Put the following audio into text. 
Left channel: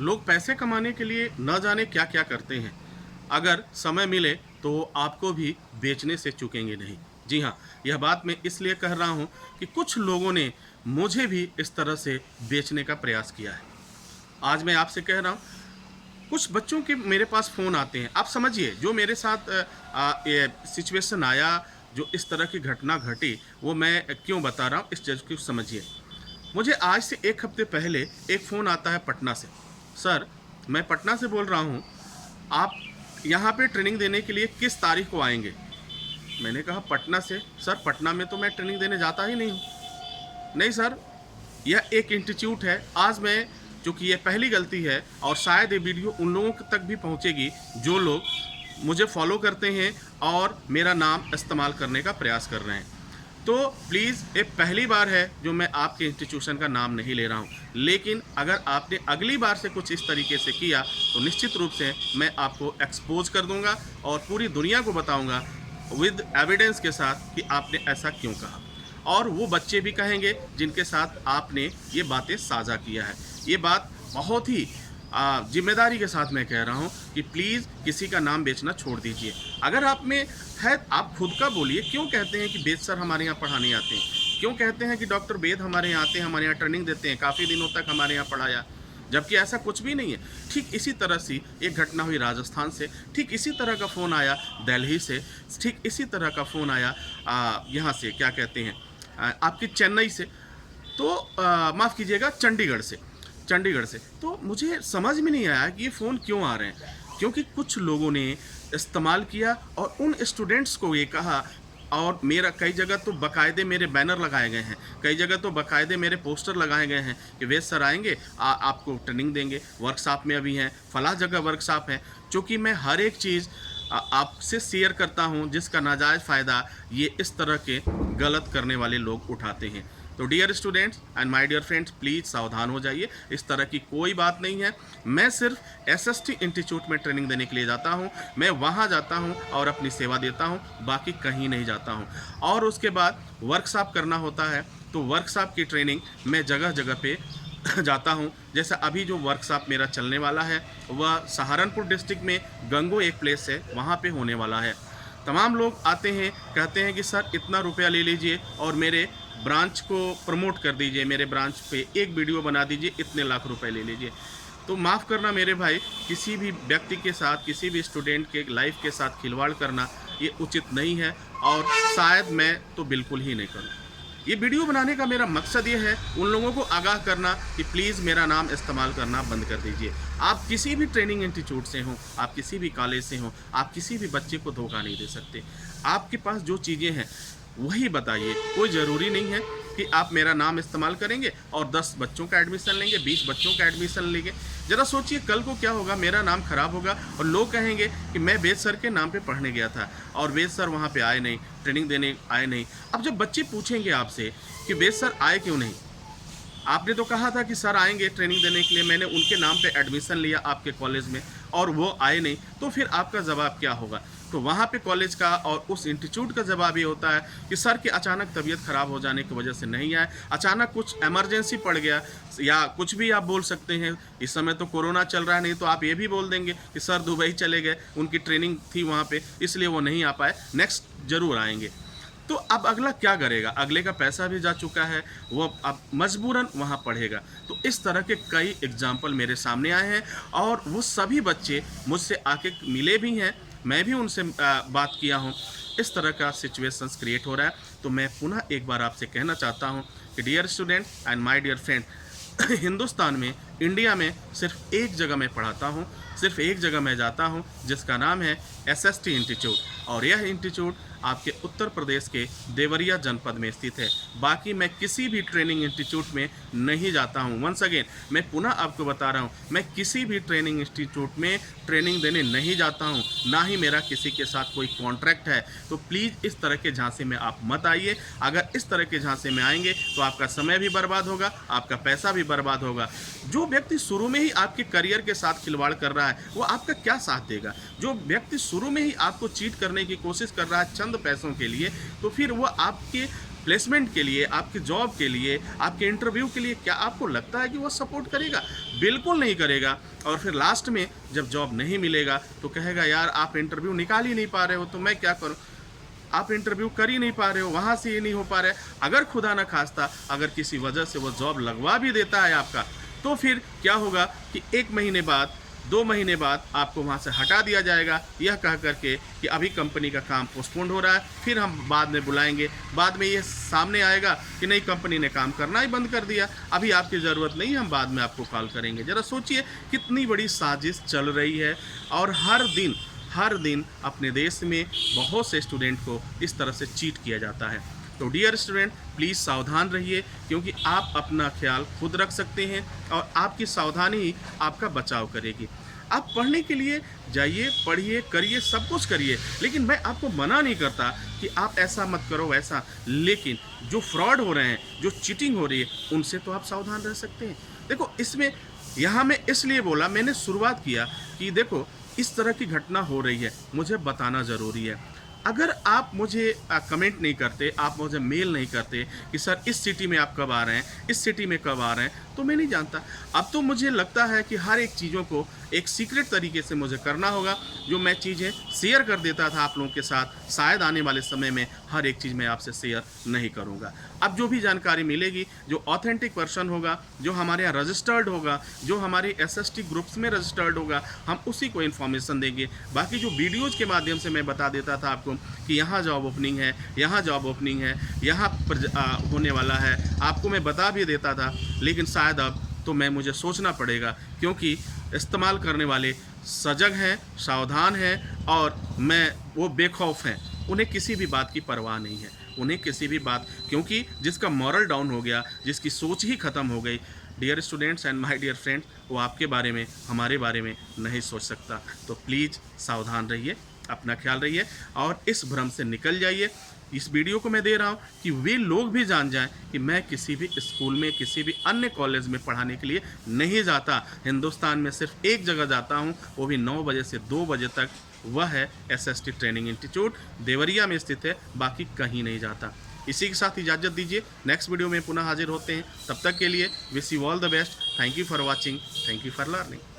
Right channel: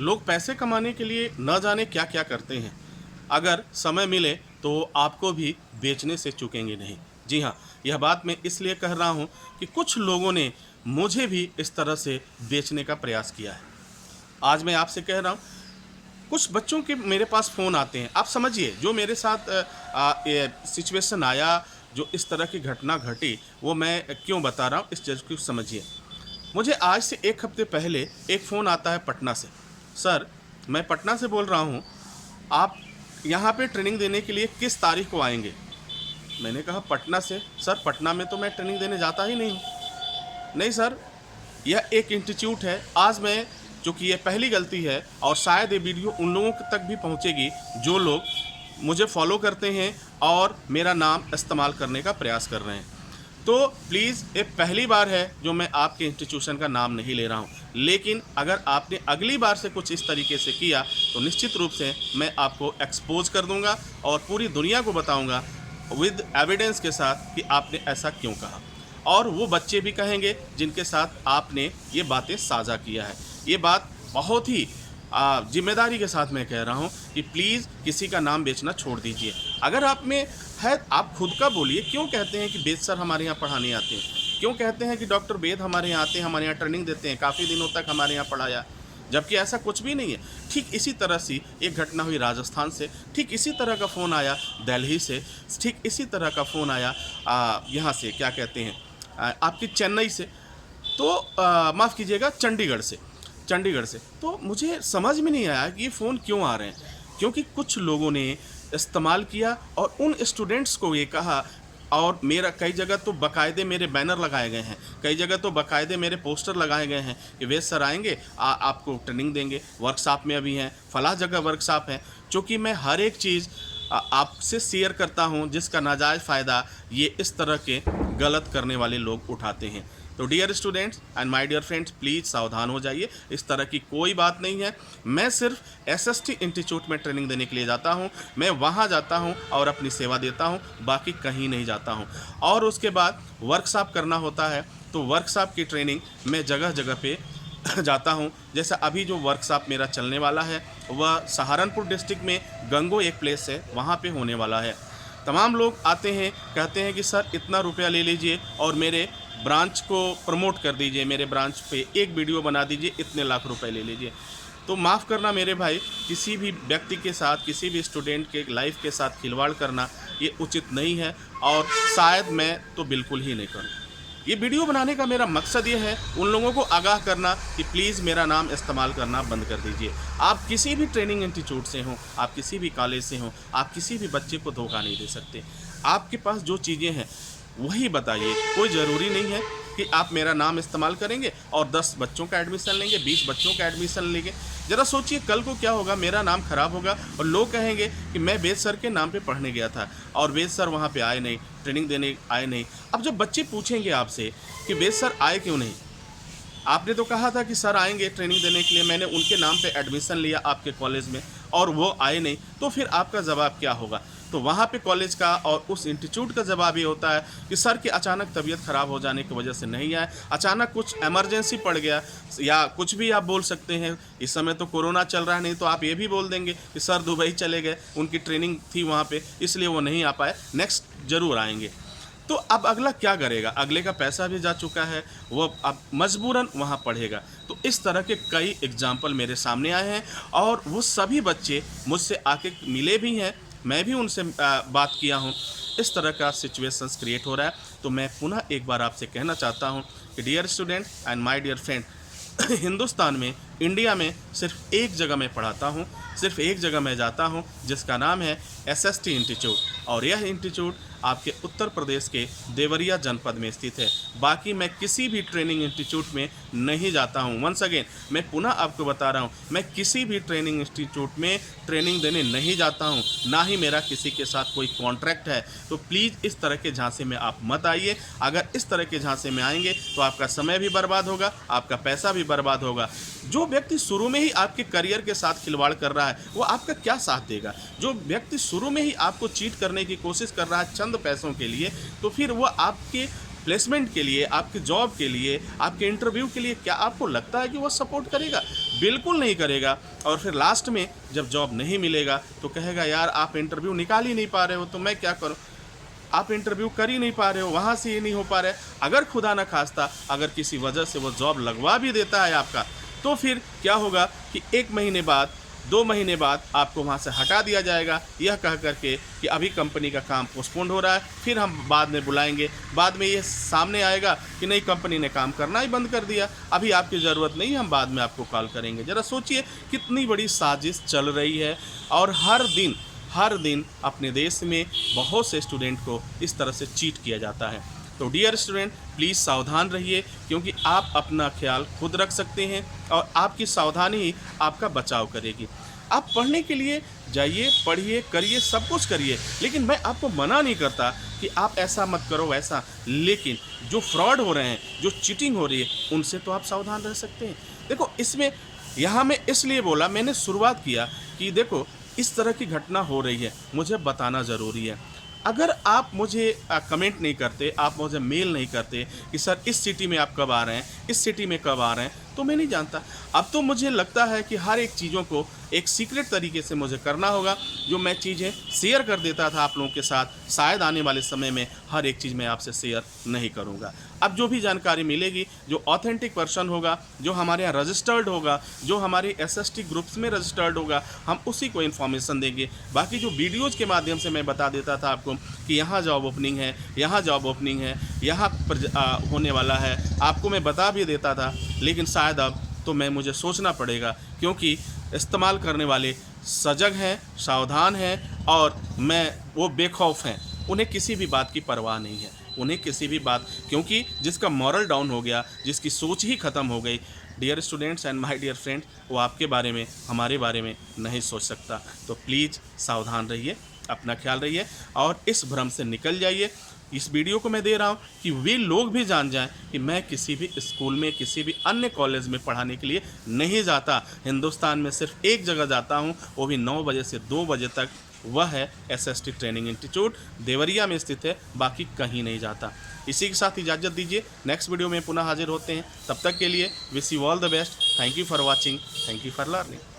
लोग पैसे कमाने के लिए न जाने क्या क्या करते हैं। अगर समय मिले तो आपको भी बेचने से चूकेंगे नहीं। जी हाँ, यह बात मैं इसलिए कह रहा हूँ कि कुछ लोगों ने मुझे भी इस तरह से बेचने का प्रयास किया है। आज मैं आपसे कह रहा हूँ, कुछ बच्चों के मेरे पास फ़ोन आते हैं। आप समझिए जो मेरे साथ ये सिचुएशन आया, जो इस तरह की घटना घटी, वो मैं क्यों बता रहा हूँ, इस चीज़ को समझिए। मुझे आज से 1 हफ्ते पहले एक फ़ोन आता है पटना से। सर, मैं पटना से बोल रहा हूँ, आप यहाँ पे ट्रेनिंग देने के लिए किस तारीख को आएँगे? मैंने कहा पटना से? सर पटना में तो मैं ट्रेनिंग देने जाता ही नहीं हूँ। नहीं सर, यह एक इंस्टीट्यूट है। आज मैं, चूँकि ये पहली गलती है और शायद ये वीडियो उन लोगों तक भी पहुँचेगी जो लोग मुझे फॉलो करते हैं और मेरा नाम इस्तेमाल करने का प्रयास कर रहे हैं। तो प्लीज़, ये पहली बार है जो मैं आपके इंस्टीट्यूशन का नाम नहीं ले रहा हूँ। लेकिन अगर आपने अगली बार से कुछ इस तरीके से किया तो निश्चित रूप से मैं आपको एक्सपोज़ कर दूँगा और पूरी दुनिया को बताऊँगा विद एविडेंस के साथ कि आपने ऐसा क्यों कहा। और वो बच्चे भी कहेंगे जिनके साथ आपने ये बातें साझा किया है। ये बात बहुत ही ज़िम्मेदारी के साथ मैं कह रहा हूँ कि प्लीज़ किसी का नाम बेचना छोड़ दीजिए। अगर आप में है, आप खुद का बोलिए, क्यों कहते हैं कि वेद सर हमारे यहाँ पढ़ाने आते हैं? क्यों कहते हैं कि डॉक्टर वेद हमारे यहाँ आते हैं, हमारे यहाँ ट्रेनिंग देते हैं, काफ़ी दिनों तक हमारे यहाँ पढ़ाया? जबकि ऐसा कुछ भी नहीं है। ठीक इसी तरह से एक घटना हुई राजस्थान से, ठीक इसी तरह का फ़ोन आया दिल्ली से, ठीक इसी तरह का फ़ोन आया यहाँ से, क्या कहते हैं, आपकी चेन्नई से, तो माफ़ कीजिएगा, चंडीगढ़ से। तो मुझे समझ में नहीं आया कि ये फ़ोन क्यों आ रहे हैं। क्योंकि कुछ लोगों ने इस्तेमाल किया और उन स्टूडेंट्स को ये कहा, और मेरा कई जगह तो बाकायदे मेरे बैनर लगाए गए हैं, कई जगह तो बाकायदे मेरे पोस्टर लगाए गए हैं कि वेद सर आएंगे, आपको ट्रेनिंग देंगे, वर्कशॉप में अभी हैं, फलां जगह वर्कशॉप है। चूँकि मैं हर एक चीज़ आपसे शेयर करता हूँ जिसका नाजायज़ फ़ायदा ये इस तरह के गलत करने वाले लोग उठाते हैं। तो dear students and my dear friends, please सावधान हो जाइए। इस तरह की कोई बात नहीं है। मैं सिर्फ एसएसटी इंस्टीट्यूट में ट्रेनिंग देने के लिए जाता हूं। मैं वहां जाता हूं और अपनी सेवा देता हूं, बाकी कहीं नहीं जाता हूं। और उसके बाद वर्कशॉप करना होता है तो वर्कशॉप की ट्रेनिंग मैं जगह जगह पे जाता हूं। जैसा अभी जो वर्कशॉप मेरा चलने वाला है वह सहारनपुर डिस्ट्रिक्ट में गंगो एक प्लेस है, वहाँ पे होने वाला है। तमाम लोग आते हैं, कहते हैं कि सर इतना रुपया ले लीजिए और मेरे ब्रांच को प्रमोट कर दीजिए, मेरे ब्रांच पे एक वीडियो बना दीजिए, इतने लाख रुपए ले लीजिए। तो माफ़ करना मेरे भाई, किसी भी व्यक्ति के साथ, किसी भी स्टूडेंट के लाइफ के साथ खिलवाड़ करना ये उचित नहीं है और शायद मैं तो बिल्कुल ही नहीं करूँ। ये वीडियो बनाने का मेरा मकसद ये है उन लोगों को आगाह करना कि प्लीज़ मेरा नाम इस्तेमाल करना बंद कर दीजिए। आप किसी भी ट्रेनिंग इंस्टीट्यूट से हों, आप किसी भी कॉलेज से हों, आप किसी भी बच्चे को धोखा नहीं दे सकते। आपके पास जो चीज़ें हैं वही बताइए। कोई ज़रूरी नहीं है कि आप मेरा नाम इस्तेमाल करेंगे और 10 बच्चों का एडमिशन लेंगे, 20 बच्चों का एडमिशन लेंगे। ज़रा सोचिए कल को क्या होगा, मेरा नाम खराब होगा और लोग कहेंगे कि मैं वेद सर के नाम पे पढ़ने गया था और वेद सर वहाँ पे आए नहीं, ट्रेनिंग देने आए नहीं। अब जब बच्चे पूछेंगे आपसे कि वेद सर आए क्यों नहीं, आपने तो कहा था कि सर आएंगे ट्रेनिंग देने के लिए, मैंने उनके नाम पे एडमिशन लिया आपके कॉलेज में और वो आए नहीं, तो फिर आपका जवाब क्या होगा? तो वहाँ पे कॉलेज का और उस इंस्टीट्यूट का जवाब ये होता है कि सर की अचानक तबीयत ख़राब हो जाने की वजह से नहीं आए, अचानक कुछ इमरजेंसी पड़ गया, या कुछ भी आप बोल सकते हैं। इस समय तो कोरोना चल रहा है, नहीं तो आप ये भी बोल देंगे कि सर दुबई चले गए, उनकी ट्रेनिंग थी वहाँ पे, इसलिए वो नहीं आ पाए, नेक्स्ट ज़रूर आएंगे। तो अब अगला क्या करेगा? अगले का पैसा भी जा चुका है, वो अब मजबूरन वहाँ पढ़ेगा। तो इस तरह के कई एग्जाम्पल मेरे सामने आए हैं और वो सभी बच्चे मुझसे आके मिले भी हैं, मैं भी उनसे बात किया हूँ। इस तरह का सिचुएशंस क्रिएट हो रहा है। तो मैं पुनः एक बार आपसे कहना चाहता हूँ कि dear student and my dear friend, Hindustan में, इंडिया में सिर्फ एक जगह मैं पढ़ाता हूँ, सिर्फ एक जगह मैं जाता हूँ जिसका नाम है एसएसटी इंस्टीट्यूट, और यह इंस्टीट्यूट आपके उत्तर प्रदेश के देवरिया जनपद में स्थित है। बाकी मैं किसी भी ट्रेनिंग इंस्टीट्यूट में नहीं जाता हूँ। वंस अगेन मैं पुनः आपको बता रहा हूँ, मैं किसी भी ट्रेनिंग इंस्टीट्यूट में ट्रेनिंग देने नहीं जाता हूँ, ना ही मेरा किसी के साथ कोई कॉन्ट्रैक्ट है। तो प्लीज़ इस तरह के झांसे में आप मत आइए। अगर इस तरह के झांसे में आएंगे तो आपका समय भी बर्बाद होगा, आपका पैसा भी बर्बाद होगा। जो व्यक्ति शुरू में ही आपके करियर के साथ खिलवाड़ कर रहा है वो आपका क्या साथ देगा? जो व्यक्ति शुरू में ही आपको चीट करने की कोशिश कर रहा है चंद पैसों के लिए, तो फिर वो आपके प्लेसमेंट के लिए, आपके जॉब के लिए, आपके इंटरव्यू के लिए, क्या आपको लगता है कि वो सपोर्ट करेगा? बिल्कुल नहीं करेगा। और फिर लास्ट में जब जॉब नहीं मिलेगा तो कहेगा यार आप इंटरव्यू निकाल ही नहीं पा रहे हो, तो मैं क्या करूँ? आप इंटरव्यू कर ही नहीं पा रहे हो, वहाँ से ये नहीं हो पा रहा है। अगर खुदा न खास्ता अगर किसी वजह से वो जॉब लगवा भी देता है आपका, तो फिर क्या होगा कि 1 महीने बाद, 2 महीने बाद आपको वहाँ से हटा दिया जाएगा, यह कह करके कि अभी कंपनी का काम पोस्टपोन्ड हो रहा है, फिर हम बाद में बुलाएंगे। बाद में ये सामने आएगा कि नहीं, कंपनी ने काम करना ही बंद कर दिया, अभी आपकी ज़रूरत नहीं, हम बाद में आपको कॉल करेंगे। ज़रा सोचिए कितनी बड़ी साजिश चल रही है। और हर दिन अपने देश में बहुत से स्टूडेंट को इस तरह से चीट किया जाता है। तो डियर स्टूडेंट, प्लीज़ सावधान रहिए, क्योंकि आप अपना ख्याल खुद रख सकते हैं और आपकी सावधानी ही आपका बचाव करेगी। आप पढ़ने के लिए जाइए, पढ़िए, करिए, सब कुछ करिए, लेकिन मैं आपको मना नहीं करता कि आप ऐसा मत करो वैसा, लेकिन जो फ्रॉड हो रहे हैं, जो चीटिंग हो रही है, उनसे तो आप सावधान रह सकते हैं। देखो, इसमें यहाँ मैं इसलिए बोला, मैंने शुरुआत किया कि देखो इस तरह की घटना हो रही है, मुझे बताना ज़रूरी है। अगर आप मुझे कमेंट नहीं करते, आप मुझे मेल नहीं करते कि सर इस सिटी में आप कब आ रहे हैं, इस सिटी में कब आ रहे हैं, तो मैं नहीं जानता। अब तो मुझे लगता है कि हर एक चीज़ों को एक सीक्रेट तरीके से मुझे करना होगा। जो मैं चीज़ें शेयर कर देता था आप लोगों के साथ, शायद आने वाले समय में हर एक चीज़ मैं आपसे शेयर नहीं करूँगा। अब जो भी जानकारी मिलेगी, जो ऑथेंटिक पर्सन होगा, जो हमारे यहाँ रजिस्टर्ड होगा, जो हमारे SST ग्रुप्स में रजिस्टर्ड होगा, हम उसी को इन्फॉर्मेशन देंगे। बाकी जो वीडियोज़ के माध्यम से मैं बता देता था आपको कि यहाँ जॉब ओपनिंग है, यहाँ जॉब ओपनिंग है, यहाँ पर होने वाला है, आपको मैं बता भी देता था, लेकिन शायद अब तो मुझे सोचना पड़ेगा, क्योंकि इस्तेमाल करने वाले सजग हैं, सावधान हैं, और वो बेखौफ हैं। उन्हें किसी भी बात की परवाह नहीं है, उन्हें किसी भी बात, क्योंकि जिसका मॉरल डाउन हो गया, जिसकी सोच ही ख़त्म हो गई, dear students and my dear friend, वो आपके बारे में, हमारे बारे में नहीं सोच सकता। तो प्लीज़ सावधान रहिए, अपना ख्याल रहिए और इस भ्रम से निकल जाइए। इस वीडियो को मैं दे रहा हूँ कि वे लोग भी जान जाएं कि मैं किसी भी स्कूल में, किसी भी अन्य कॉलेज में पढ़ाने के लिए नहीं जाता। हिंदुस्तान में सिर्फ एक जगह जाता हूँ, वो भी 9 बजे से 2 बजे तक, वह है SST ट्रेनिंग इंस्टीट्यूट, देवरिया में स्थित है, बाकी कहीं नहीं जाता। इसी के साथ इजाज़त दीजिए, नेक्स्ट वीडियो में पुनः हाजिर होते हैं। तब तक के लिए wish you all the best. Thank you for watching, thank you for learning.